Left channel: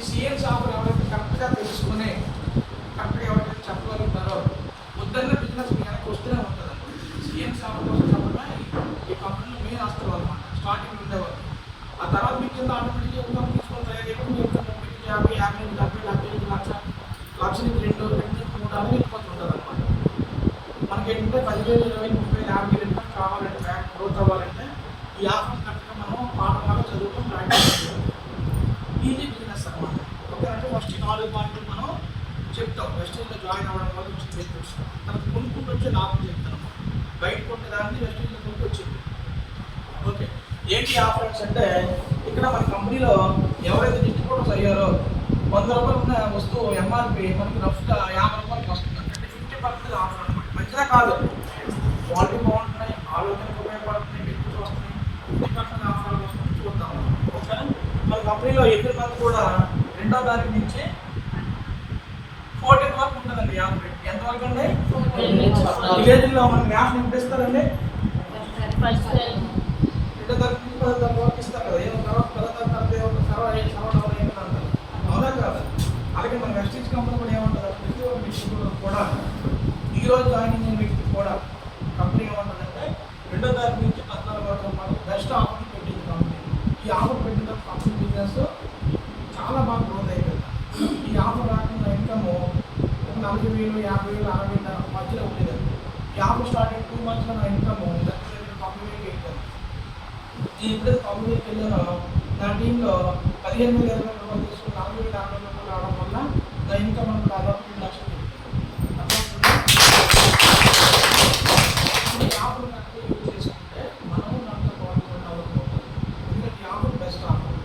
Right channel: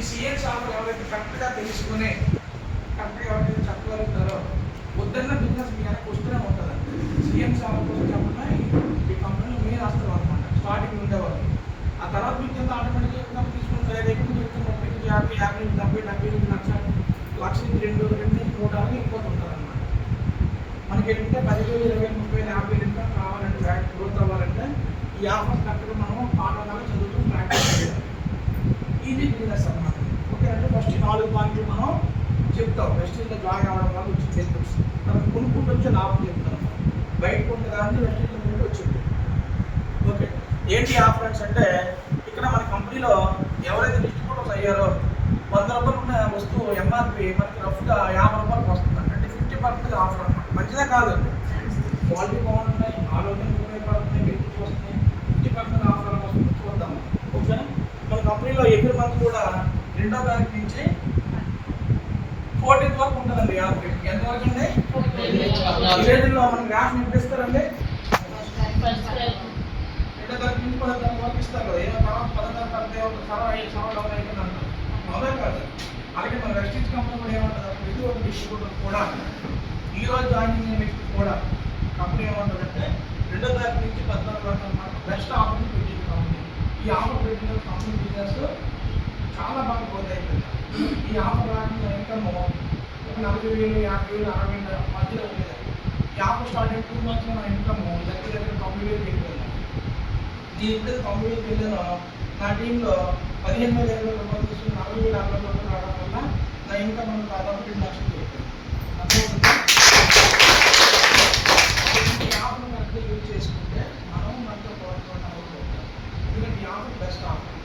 ఈ సిఎన్ షాపులు ఎవరైతే కరెక్ట్గా తెలుసుకుని కరెక్ట్గా ఎవరైతే చెప్పగలుగుతారో వద్దన్న బిజినెస్ వెనక్కి వస్తూనే ఉంటుంది. సిఎన్ షాపుల కోసం చెప్పడం ఈ కంపెనీలో మెయిన్ వస్తారు అనమాట. స్టార్టింగ్ ఉండేవాళ్ళు, ఆ తర్వాత మీకు కింద ఆటోమేటిక్గా ఇన్కమ్ తీసుకొని తయారైతే మీరు 30, 50, 70, లక్ష లక్షకి 2, 3 అలా వెళ్ళిపోతుంటుంది అనమాట. మనకి ఏంటంటే 10,000, 20,000, 30,000, 50,000 ఇన్కమ్ కావాలంటే బ్యాక్ గ్రోత్ అవ్వాలంటే ఈ ఆఫర్ కరెక్ట్గా మనం పాఠశాల చదువుతాం, ప్రాక్టీస్ చేయాలి. ఈజీ బిజినెస్ అనమాట. ఓకే అంటే ఫస్ట్ 4 పాయింట్లు మనం చెప్తాం. వెస్టీజ్లో జాయిన్ అవ్వడం వల్ల వచ్చి బెనిఫిట్స్, తర్వాత కొనుక్కుంటూ వచ్చే లాభం చెప్తాం. బయట కొంటే దాన్ని వెస్టీజ్లో కొంటూ వచ్చింది. ఓకే ఏంటి ఆఫర్స్ అంటే ఇక్కడ మన కంపెనీలో ఎవరైతే డిస్ట్రిబ్యూటర్స్ అయ్యారో 100 రూపాయలు ఉన్న వస్తువు ఎంఆర్పి మనకి రఫ్గా 50 రూపాయలకు వస్తుంది. అంటే 50% ఆఫర్ అనమాట. మంచిదా కాదు, క్వాలిటీ బాగుంటున్నాయి, ఆలోచనకు ఉపయోగపడుతున్నాయి, బెనిఫిట్స్ వస్తున్నాయి, 50% ఆఫర్ వస్తుంది. చూద్దాం. ఓకేనా మన కంపెనీలో ఎవ్రీ మంత్ కూడా 2వ తారీఖు నుంచి 14th వరకు ఉంటుందండి. యాభై ఎంతవరకు అండి? విలేజ్లో మన గ్యాస్ నింపిస్తారండి 2వ తారీఖు నుంచి 10వ తారీఖు వరకు ఇస్తారు కదా. ఏదో తర్వాత 10వ తారీఖు సర్వర్ అయిపోతుంది. అవునా కాదు? అలాగే మన వెస్టీజ్ కంపెనీ కూడా ఏమంటుంది, ప్రతి ఒక్క డిస్ట్రిబ్యూటర్ కూడా ఈరోజు జాయిన్ అయిన వ్యక్తి కూడా కంపెనీ ఏమంటుందంటే 2వ తారీఖు నుంచి 14 వరకు అన్నమాట బెస్ట్ ఆఫర్ పెట్టింది కంపెనీ. ఈ ఆఫర్ పెట్టిన కంపెనీ బిజినెస్ చాలా బాగా గ్రోత్ అయిపోయింది. ఈ ఆఫర్ రాకుండా ఇన్కమ్ 40,000, 50,000, 60,000 మధ్యలో ఉండేది. ఈ ఆఫర్ స్టార్ట్ అయిన 2 months మన ఇన్కమ్ దగ్గర కంపెనీకి వెళ్ళిపోయింది. ఈ ఇప్పుడు కంపెనీకి వెళ్ళాను, నా టీంలో 15,000, 20,000 రూపాయలు తీసుకుని 40,000, 60,000 రూపాయలు రావడం వల్ల నా ఇన్కమ్ మనకు దాదాపు 2 లక్షలు దొరుకుతుంది. ఈ ఆఫర్ని అర్థం యూజ్ చేసుకుంటే మనం మనతో కొనుక్కోవడం. ఎందుకంటే ఈ ఆఫర్ బెస్ట్ ఆఫర్.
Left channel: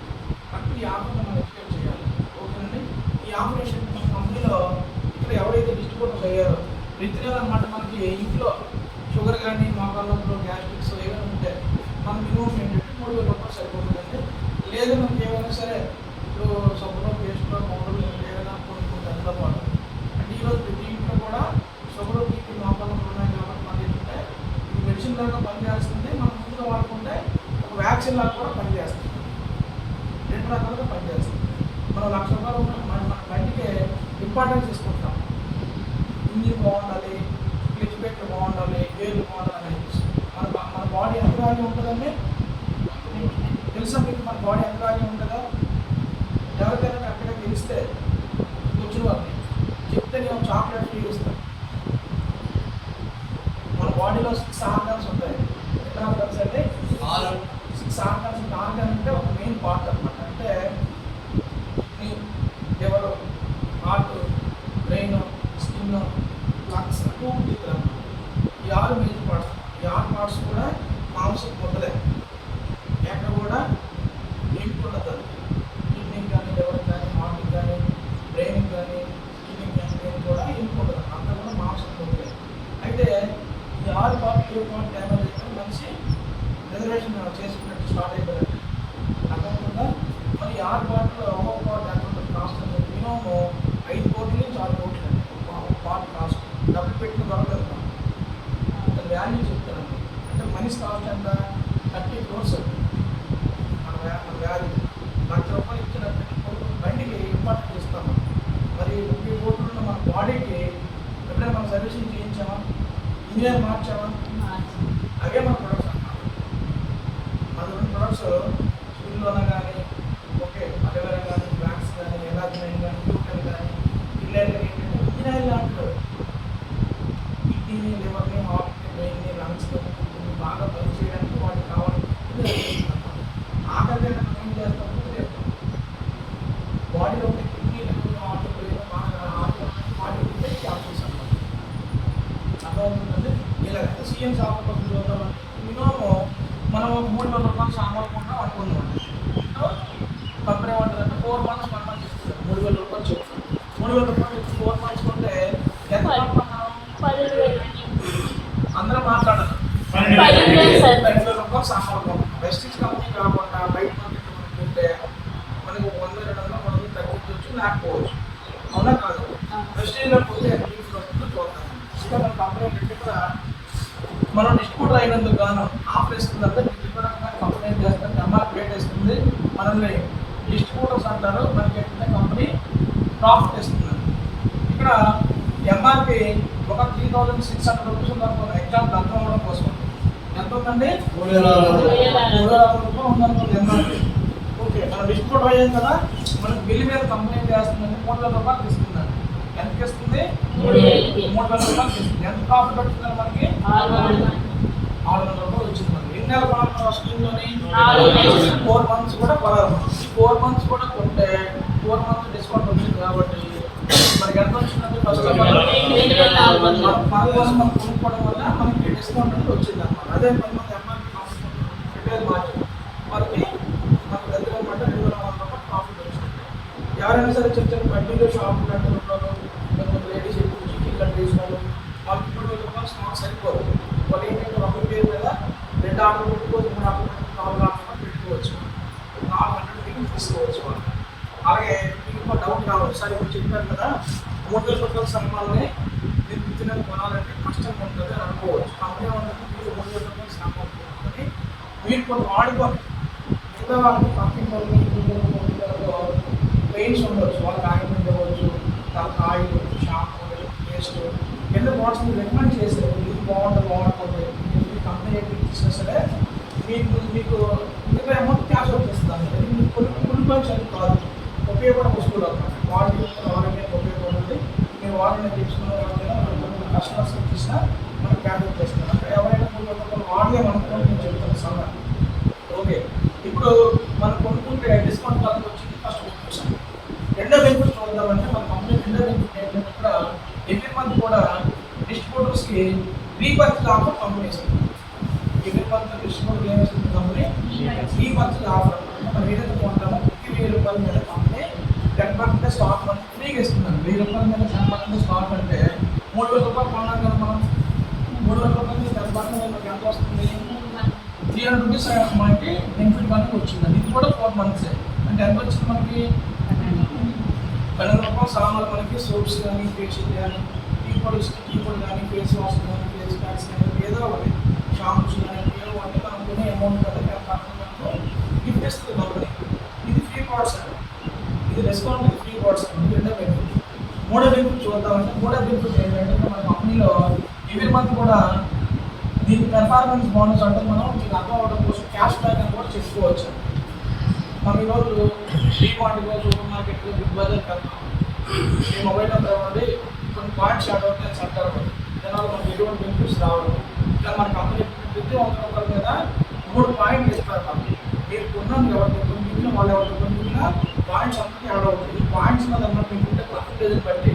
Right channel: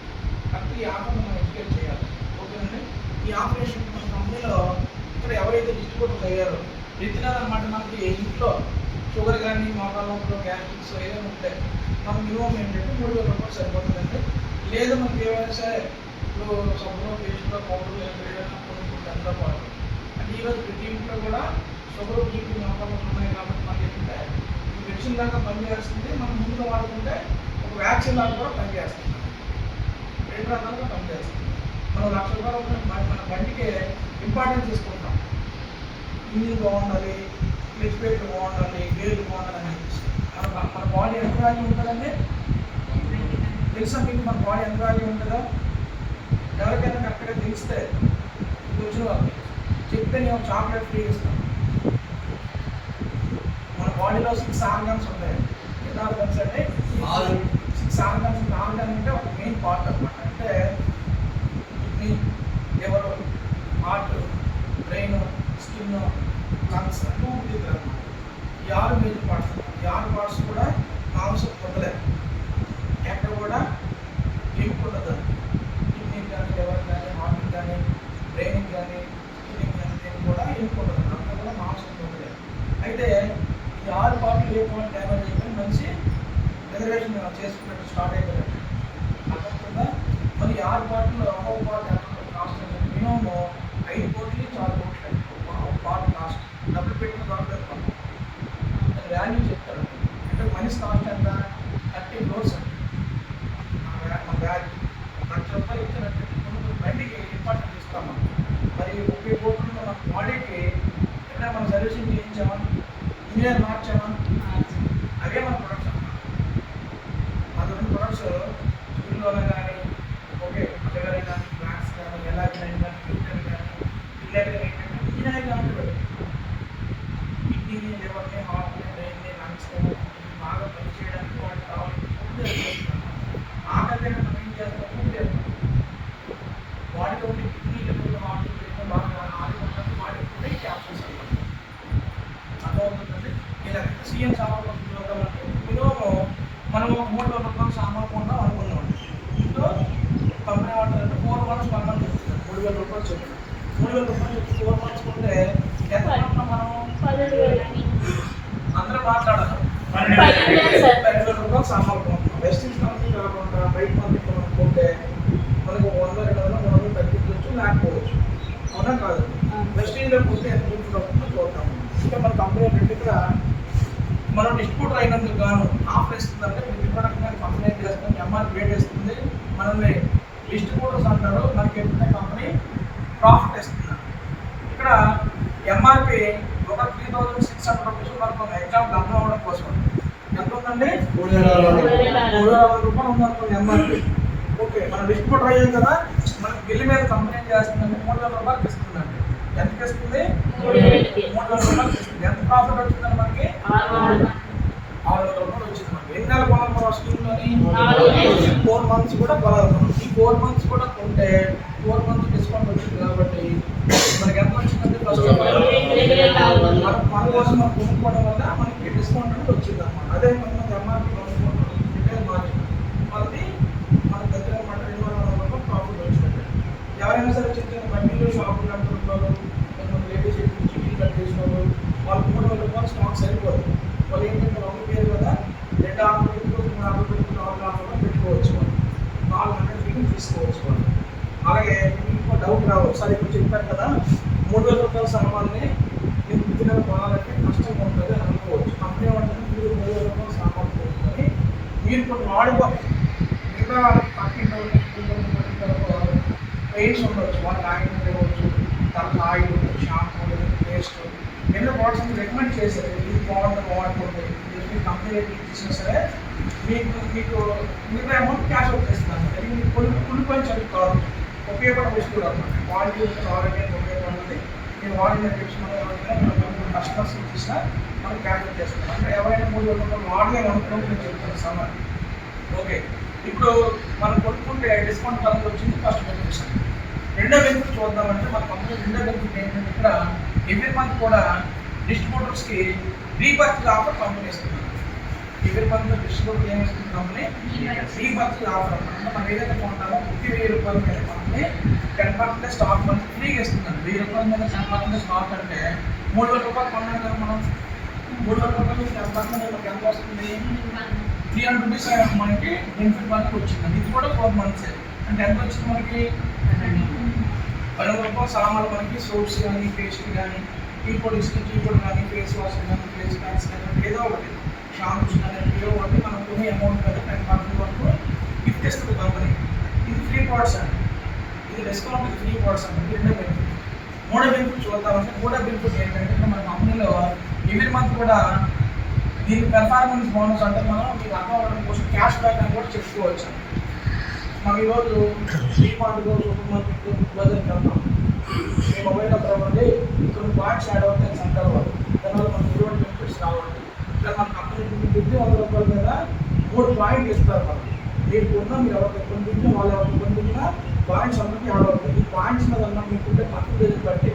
అప్పుడు ఈ ఆఫర్ని మనం ఎక్స్ప్లెయిన్ చేయాలి. ఓకేనండి. ఈ ఆపరేషన్ మన కంపెనీలో ఇక్కడ ఎవరైతే డిస్ట్రిబ్యూటర్స్ అయ్యారో ప్రతి నెల అనమాట మనకి ఇంట్లో షుగర్ కానీ, మోకాళ్ళలో గ్యాస్ట్రిక్స్ ఏమైనా ఉంటాయి, మన మినిమం ఏంటంటే 3,000 రూపాయలు సరిపోతుందంటే. లేదు మనకి ఏమైనా సరే ఇప్పుడు సబ్బులో, పేస్ట్లో, పౌడర్లు ఏదైనా కొనుక్కుంటే ఎంత బాగుంటుంది. అంటే ఈరోజు ప్రతి ఇంట్లో కూడా షుగర్, బీపీ, మోకాళ్ళు ఉన్నాయి కాబట్టి మనకి ఏంటంటే ఇది మెడిసిన్ లాగా పనిచేస్తుంది. మనం ముందుగా వాడుకుంటే ఒక వ్యాక్సిన్ లాగా కూడా పనిచేస్తుంది. 2 రకాలుగా పనిచేస్తుంది. మనం 1,00,000 రూపాయలు మన బండికి ఇంపార్టెన్స్ తీసుకుంటాం. ఇంజిన్ బాగుండాలి, క్లిచ్ ప్లేట్లు బాగుండాలి, గేర్లు బాగుండాలని అనిపిస్తుంది. మన బాడీ ఎంత వాల్యూ ఉంటుందండి తెలుసా మీకు? మన బాడీ ఎంత వాల్యూ ఉంటుందో ఎవరికైనా కరెక్ట్గా తెలిస్తే వచ్చిన వాళ్ళని చెప్తే నేను చాక్లెట్ ఫ్రీ ఇస్తాను. మన బాడీలో 6 ఆర్గాన్స్ ఉంటాయి. ఎన్ని ఆర్గాన్స్ అంటే 6 ఆర్గాన్స్. ఆర్గాన్ అంటే ఒక మెయిన్ పార్ట్ అనమాట. అంటే kidney, liver, heart, brain, skin, lungs 2 ఉంటుంది అన్నమాట. ఈ 6 మెయిన్ పార్ట్స్. ఈ 6 పార్ట్స్ కూడా మాంసం పొందలే, ఎక్కడ కూడా లింక్ ఉండదు. కిడ్నీకి కానీ, లివర్కి కానీ, హార్ట్కి కానీ, బ్రెయిన్కి కానీ, స్కిన్కి కానీ కూడా లింక్ ఉండదు. అంతా కూడా మాంసం పొందలే. అయితే ఈ 6 పార్ట్లు ఏ పార్ట్ డ్యామేజ్ అయితే మనిషి రిజర్వేషన్ చేసుకున్నట్టు స్టార్ట్ అయిపోయింది. అర్థమవుతుందా? మరి 6 పార్ట్లు ఒక్కొక్క పార్ట్ ఎంత కాస్ట్ అంటే మినిమం 5 కోట్లు నుంచి 6 కోట్లు అండి ఒక పార్ట్ కాస్ట్. డబ్బులు పెట్టిన దొరకదు. అది వాల్యూ చెప్తారండి. అంటే మనిషి కాస్ట్ ఎంత 30 crores అండి. మన వాల్యూ 1,00,000 రూపాయలు ఇచ్చినట్టు బండికి ఇంపార్టెంట్ ఇస్తాం. మరి 30 కోట్లు ఉన్న మన బాడీకి ఎప్పుడైనా మనం సర్వీసింగ్ చేయించామా, ఇంజనీర్ మార్చామా? అవే మన ప్రొడక్ట్స్ అన్నమాట. మన 2 ప్రొడక్ట్స్ స్కూల్లోనే కానీ, ఓకే అవేగానే కానీ, బ్లాక్స్ కానీ, ఎలాగైనా కానీ, గ్లూటెన్ కానీ, పిల్లలు ఏంటంటే ఇంజనీరింగ్ లాంటివి కిడ్నీని, లివర్ని, హార్ట్ని, బ్రెయిన్ని, లంగ్స్ని బాగా పనిచేయడానికి వాటికి కావాలి. ఆకలి మనం ఏం చేస్తాం? బాడీలో ఉండే కిడ్నీ, లివర్, హార్ట్, బ్రెయిన్ బాగా ఆడుతున్నట్టు బాడీ ఉంటే క్యాప్సూల్స్ అన్నమాట. అర్థమవుతుందండి. ఇలాగైతే సిఎన్ షాపులో చూద్దామంటే మినిమం మనం 3,000 రూపాయలు సామాన్ కొంటాం అనుకుందామండి. ఇంట్లో కంపెనీ వాడుతుందంటే 4 months 1 month ఇస్తుంది. 3,000 రూపాయలు చెప్తాం. 3,000 రూపాయలు 4 months కొంటే ఎంత మనం అందరం మాట్లాడాలి. 12,000 రూపాయలు సామాన్ కొంటాం. వెస్టీజ్ కంపెనీ కాకుండా బయట మార్కెట్ కొనుక్కుంటే మనకు 100-200 తగ్గించవచ్చు, లేకపోవచ్చు. అవునా కాదు? వెస్టీజ్లో పోతే ఎంత వస్తుందో చూద్దాం. ఇంకా మన కంపెనీ దగ్గర మనం డిస్ట్రిబ్యూటర్ అయినందుకు గాను ఆఫర్ ఇస్తుందంటే ప్రతి ప్రొడక్ట్ కంపెనీ ఏం చేస్తుంది, ఎంఆర్పి రేట్ ఇస్తుంది. మనల్ని డిస్ట్రిబ్యూటర్స్ అంటారు. మనకి ఏంటంటే కంపెనీ ప్రాఫిట్ ఇస్తున్నాను. ఇక్కడ ఎంఆర్పి ఒక 3600 రూపీస్ ఉందనుకోండి, ఎగ్జాంపుల్ అర్థం అవ్వడం కోసం. ఎంత ఉందండి? 3060 రూపాయలు ఉందనుకోండి ఎంఆర్పి. ఓకే, మనం డిస్ట్రిబ్యూటర్ అయ్యాం కదా, మనకి బిల్లు మీద కంపెనీ ఏం చేస్తుందంటే 3000 రూపాయలకి ఇస్తుందండి. ఎంతకి ఇస్తుంది? 3000 రూపాయలకి ఇస్తుంది. ఎంత ప్రాఫిట్ వచ్చిందండి మనకి? 600 రూపాయలు వచ్చింది. మనకి ఎన్ని నెలలు కొనాలి స్కీమ్లోని? 4 మంత్స్ కూడా కొనాలి. ఈ 4 మంత్స్ కూడా కొంటే 4 మంత్స్ డిస్కౌంట్ వచ్చింది కాబట్టి మనకి ఎంత వచ్చిందంటే ఫస్ట్ మన కోసం మనం కొనుక్కోవడం వల్ల మనకి డిస్కౌంట్ అనేది వచ్చింది అన్నమాట. అదే కొంతమంది ఎంఆర్పీ రిటైల్ మార్జిన్ వాళ్ళకి మనకు దగ్గర అనమాట 200 రూపాయలు ప్రాఫిట్ వచ్చింది. ఎవరైనా సరే చిన్న చిన్న బండిలో షాపులు కట్టుకుంటున్నారు, కొంతమంది లేడీస్ ఎక్కువ చికెన్ కట్ చేసిన వాళ్ళకి 3000 రూపాయలు స్టాక్ సరిపోదు. వాళ్ళు ఏంటంటే ఒక పేరు మీద 2 ఆర్డర్ పెట్టుకోవచ్చు, 3 ఆర్డర్ పెట్టుకుని 4 ఆర్డర్ పెట్టుకోవచ్చు, 400 బిల్లు తీసుకోవచ్చు వాళ్ళు. అలాగే మీకు డౌట్ రావచ్చు, సార్ ఇప్పుడు చెప్పారు కదా 3000 రూపాయల సామాన్ని మీరు విత్తనాలు కొనాలంటే కష్టంగా ఉంటుంది అని అనుకోవచ్చు. కంపెనీ ఏమంటే మీరు 3000 రూపాయల సామాన్ కొనుక్కొని మీరు కొన్ని వాడుకోవాలి. మిగతా వాళ్ళకి పక్కింటి పెయిన్స్ ఉండవచ్చు, వాళ్ళకి ఆయింట్మెంట్ ఇవ్వచ్చు, తర్వాత ఆయిల్, షాంపూ, పేస్ట్, ఎన్నో ప్రోడక్ట్స్ రికమెండ్ చేశారు. ఇది బాగుంటుంది మీ కంపెనీ ఇచ్చినా సరే మీకు మిగతా అమౌంట్ క్యాష్ అవుట్ చేస్తాను. అది మీకు కొనుక్కొని చదువు కాదు, ఉపయోగపడే వస్తువులు అన్నమాట. క్వాలిటీ ఆరోగ్యం ఉపయోగపడుతుంది. మీరు వాడిన తెచ్చుకున్న కస్టమర్స్ ఇచ్చినా మనం క్యాష్ అవుట్ చేస్తున్నాం. అంటే ఎవరైనా 3000 రూపాయలు వాడలేము అనుకోండి నేను చెప్తాను సమ్మర్. ఓకే, ఇప్పుడు మనం కొనుక్కుంటే డిస్కౌంట్ తక్కువ వచ్చింది, ఫస్ట్ బెనిఫిట్స్. రెండో బెనిఫిట్ చూద్దామంటే మన కంపెనీ రెండో బెనిఫిట్ ఏంటంటే ఇక్కడ ఎవ్రీ మంత్ కూడా డిస్ట్రిబ్యూటర్స్కి రీపర్చేజ్ ఆఫర్ కంపెనీ ఇస్తుంది. ఎవ్రీ మంత్ డిస్ట్రిబ్యూటర్ ఏం ఇస్తుంది కంపెనీ? Repurchase offer. మనం ఏదైతే కొంటామో 1000 రూపాయల మీద కంపెనీ 10% స్టాక్ మనకి ఫ్రీగా ఇస్తుందండి. 1000 రూపాయల మీద 10% స్టాక్ అంటే 3000 రూపాయలు కొన్నాం కదా మనం. 3000 రూపాయల మీద 10% మనకి ఎంత వస్తుంది? 300 రూపీస్ మనకి బెనిఫిట్ మనకి వచ్చిందండి. ఇది కూడా 4 మంత్స్. అంటే ఎంత వచ్చింది మనకి? 12 రూపాయల సామాన్లు మనకి సోప్స్ కానీ, ఫేషియల్ కానీ, టీ పొడి కానీ, ఫేస్ వాష్ కానీ, ఫేస్ ప్యాక్స్ కానీ, ఏదో ఒకటి షాంపూస్ కానీ ఏదో ఒకటి మనం కొనే అమౌంట్ మీద 10% వరకు గిఫ్ట్ ఇస్తుంది కంపెనీ. ఇది ఫ్రీ ప్రోడక్ట్స్ అండి. ఇది డిస్కౌంట్, ఇది ఫ్రీ ప్రోడక్ట్స్ అండి. రెండో బెనిఫిట్. మూడో బెనిఫిట్ చూద్దామంటే మూడో బెనిఫిట్ ఏంటంటే మన కంపెనీలో ఎవ్రీ మంత్ కూడా దీని పెర్ఫార్మెన్స్ బోనస్ అంటే మనం మీకు అర్థం అవ్వడం కోసం క్యాష్ బ్యాక్ అని కూడా చెప్పుకోవచ్చు. మనం ఈరోజు డీమార్ట్గా, సూపర్ మార్కెట్, బిగ్ బజార్ వెళ్తాం. మీ మొబైల్ నెంబర్ ఇవ్వండి, కొన్ని పాయింట్స్ యాడ్ అవుతాయి సెంటర్ వాళ్ళు, దానివల్ల మనకి ఎటువంటి బెనిఫిట్స్ రావాలి. ఇట్లా మన కంపెనీ 100 రూపాయల మీద 3 పాయింట్లు ఇస్తారు. మనకి మీరు కొన్నాం ఎవరికి కొనుక్కున్నా వాళ్ళు ఎవరికి కొనుక్కున్నా పాయింట్స్ అందరికీ యాడ్ అవుతాయి. ఈ పాయింట్స్ మీద అన్నమాట మీకుంటే పర్సెంటేజ్ బట్టి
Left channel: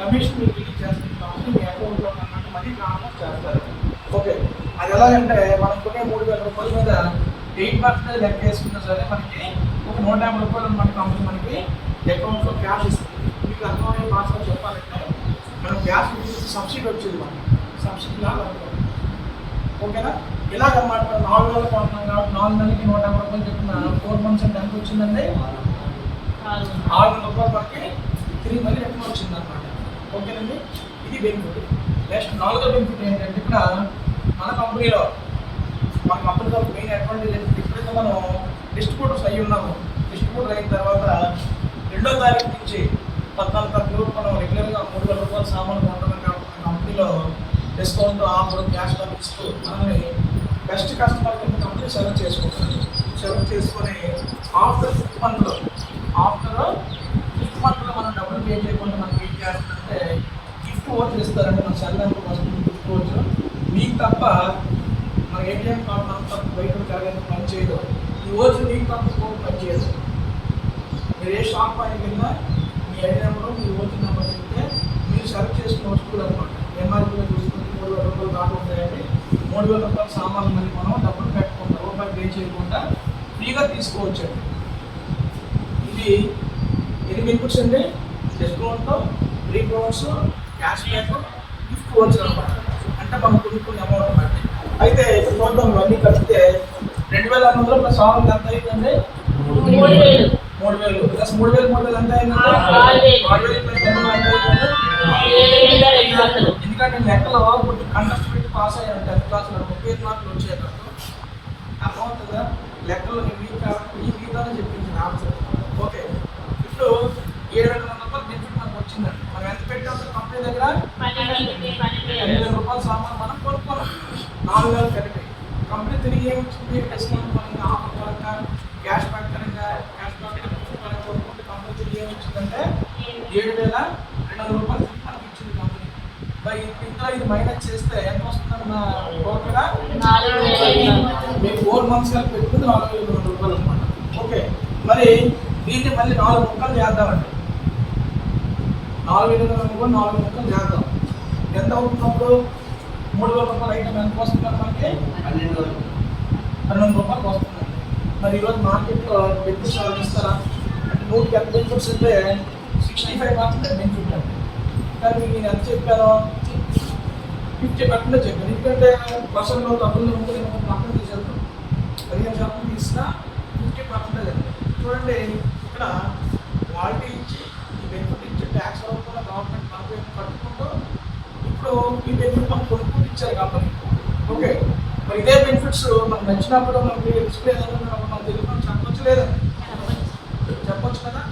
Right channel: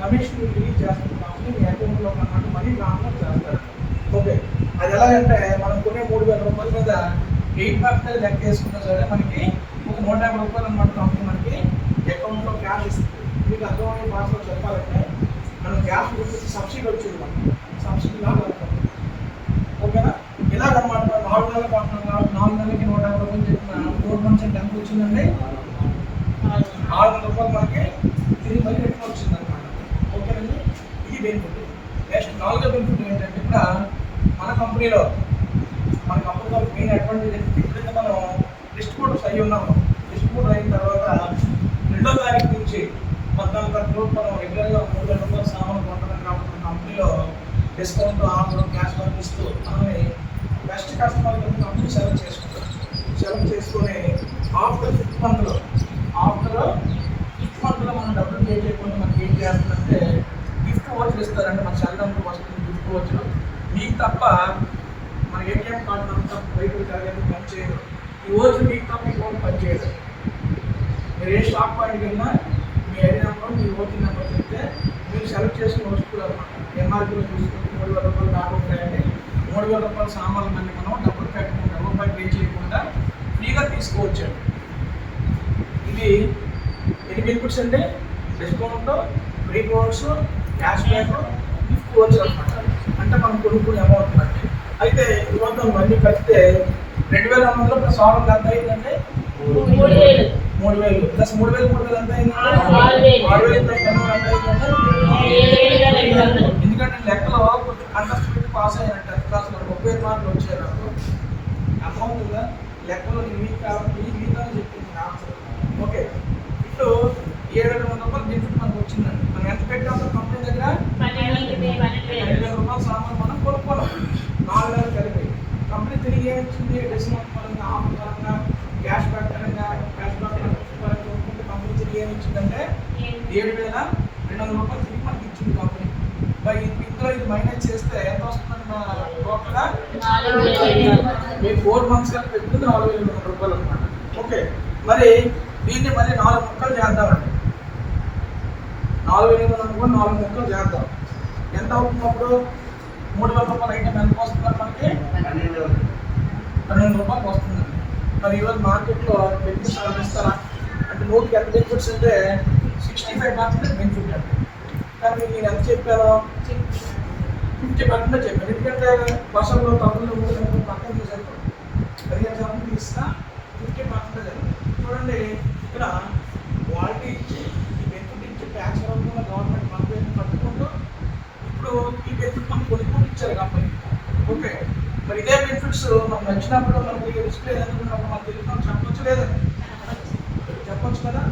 కమిషన్ మీరు రిలీజ్ చేస్తుంది కాబట్టి మీ అకౌంట్లో అన్నమాట మనీ ట్రాన్స్ఫర్ చేస్తారు. ఓకే, అది ఎలాగంటే మనం కొనే 3000 రూపాయల మీద 8% లెక్క వేసుకున్నా సరే మనకి ఒక 150 రూపాయలు అన్నమాట కంపెనీ మనకి అకౌంట్లో క్యాష్ ఇస్తుంది. మీకు అర్థమయ్యే భాషలో చెప్పాలంటే మనం గ్యాస్ గురించి సబ్సిడీ వచ్చేది, మనకి సబ్సిడీ లాగా అవుతుంది. ఓకేనా? ఇలాగన్నమాట 4 నెలలు కొంటున్నాం కాబట్టి 4 నెలలకి 150 రూపాయలు చెప్పిన 4 మంత్స్ అంటే ఎంత వచ్చిందండి? 600 రూపాయలు మనకి తిరిగి మళ్ళీ రిటర్న్ వచ్చింది అనమాట. ఓకేనండి, ఇది బెనిఫిట్. నెక్స్ట్ 4వ బెనిఫిట్ ఏంటంటే ఇక్కడ మన కంపెనీలో మెయిన్ అడ్వాంటేజ్ ఏంటంటే ఇప్పుడైతే మనం డిస్ట్రిబ్యూటర్స్ అయ్యి ఉన్నాము. డిస్ట్రిబ్యూటర్ అయిన తర్వాత 2వ తారీఖు నుంచి 14వ తారీఖు మనం రెగ్యులర్గా 3000 రూపాయల సామాన్లు కొంటున్నాం కాబట్టి కంపెనీలో డిస్కౌంట్ ఆఫర్ క్యాష్ బ్యాక్ ఇస్తూ మనల్ని బెస్ట్ కస్టమర్ కింద కంపెనీ సెలెక్ట్ చేసుకుంటాం. సెలెక్ట్ చేసుకొని ఆఫ్టర్ 5th మంత్లో మనం డబ్బులు పే చేయకుండా మనకి ఏం చేస్తుందంటే గిఫ్ట్ వాచ్ ఇస్తారంటే మన సెల్లంతా వస్తుంది. గిఫ్ట్ వాచ్ మీకు తప్ప మన ఏటీఎం కార్డు మనం తప్ప బయట కాలేదు పని చేయదు. ఈ వాచ్ మీకు తప్ప ఇంకొక పని చేయదు. మీరు ఏ షాప్ పాయింట్కి వెళ్ళినా మీ ఐడి నెంబర్, మీ ఓటీ నెంబర్ చెప్తే మీరు సెలెక్ట్ చేసుకుని వస్తువులు అనమాట. ఎంఆర్పీలో చూసుకుంటే 3000 రూపాయలు దాకా ఉంటాయండి. 3000 రూపాయల సామాన్లు మళ్ళీ మనం డబ్బులు పెట్టకుండా రూపాయి పే చేయకుండా ఫ్రీగా తీసుకోవచ్చండి. ఇది బెనిఫిట్స్ అండి. Discount, free products, cash back, gift watch అనమాట. అంటే మనం కొనుక్కునే అమౌంట్ బట్టి. అయితే చూద్దాం అన్నీ కలిపితే 2600 ప్లస్ 600 ఎంత అయిందండి? 3000 ప్లస్ 3000 ఎంత అయిందండి? 6000 ప్లస్ 200 ఎంత అయిందండి? ఎందుకంటే లెక్కలో కొంచెం కంటెస్ట్ పెట్టి పాస్ అయ్యారంట 10th క్లాస్లో 35 మార్కులు వచ్చాయి నాకు. అర్థమవుతుందా? లెక్కలో ఈ వీక్ చెప్పింది ఆన్సర్. ఓకే, ఇప్పుడు 700 రూపాయలు బెనిఫిట్ కంపెనీ డిస్కౌంట్ పరంగా ఆఫర్ పరంగా క్యాష్ బ్యాక్ పరంగా కొనుక్కుంటే కంపెనీ తిరిగి ఏమి ఇచ్చిందంటే 7,200 రూపాయలు తిరిగి మనకి ఇచ్చింది కంపెనీ. ఇందులో ఇది మైనస్ చేస్తే ఎంత వస్తుందండి మా టోటల్గా 4,500 మీరు 4 మంత్స్ కలిపి పెట్టుకుంది 4,200 రూపాయలు అనమాట. ఓకే, మరి దీన్ని మళ్ళీ 4 ముక్కలు చేద్దామండి. 4,800 కూడా 4 ముక్కలు చేద్దాం. ఎంత అవుతున్నప్పుడు 3,000 రూపాయలు ఐటమ్ ఎంత వస్తుందండి మనకి? 12 రూపాయలు వస్తుందండి. మరి ఈరోజు మార్కెట్లో బెనిఫిట్స్ ఇస్తారా అంటే 100కి ఎంత బెనిఫిట్స్ అంటే 65% బెనిఫిట్ అండి. కానీ నేను ఎంత చెప్పాను? 50% చెప్పాను. ఎందుకంటే బస్సుల్లో తప్పులు ఉంటుంది పక్కన తీసేస్తాను 15% తీసినా 50% చూడండి. ఇక్కడ క్వాలిటీ ఇచ్చి ఈ బెనిఫిట్ ఇచ్చి ట్యాక్స్ రూపంలో గవర్నమెంట్ మనకు పట్టుకుంటూ ఇప్పుడు ఈ బెనిఫిట్ మనకు కొనుక్కుంటూ ఇచ్చారు కంపెనీ. ఓకే, మరి ఇదే బెనిఫిట్స్ మనకు నచ్చినప్పుడు మనకు డిస్ప్లే ఏదైనా మనకు తెలియదు చెప్పొచ్చు లేదా? చెప్పొచ్చు కదా.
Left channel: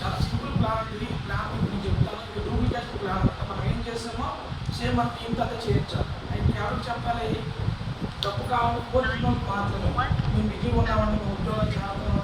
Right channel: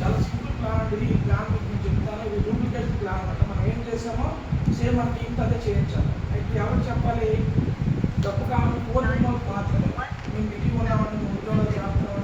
చాలా సింపుల్ ప్లాన్ అండి. ఈ ప్లాన్ నేను చెప్తాను. ఇది డూప్లికేట్ ప్లాన్ అంటే మనం ఏం చేసామో సేమ్ మన టీం అంతా చేయించాలి. అయితే ఎవరికి చెప్పాలి? డబ్బు కావాలి కోరుకున్న మాత్రమే. మేము బిజీగా ఉన్నామంటే మేము ఉద్యోగాలు చేస్తాం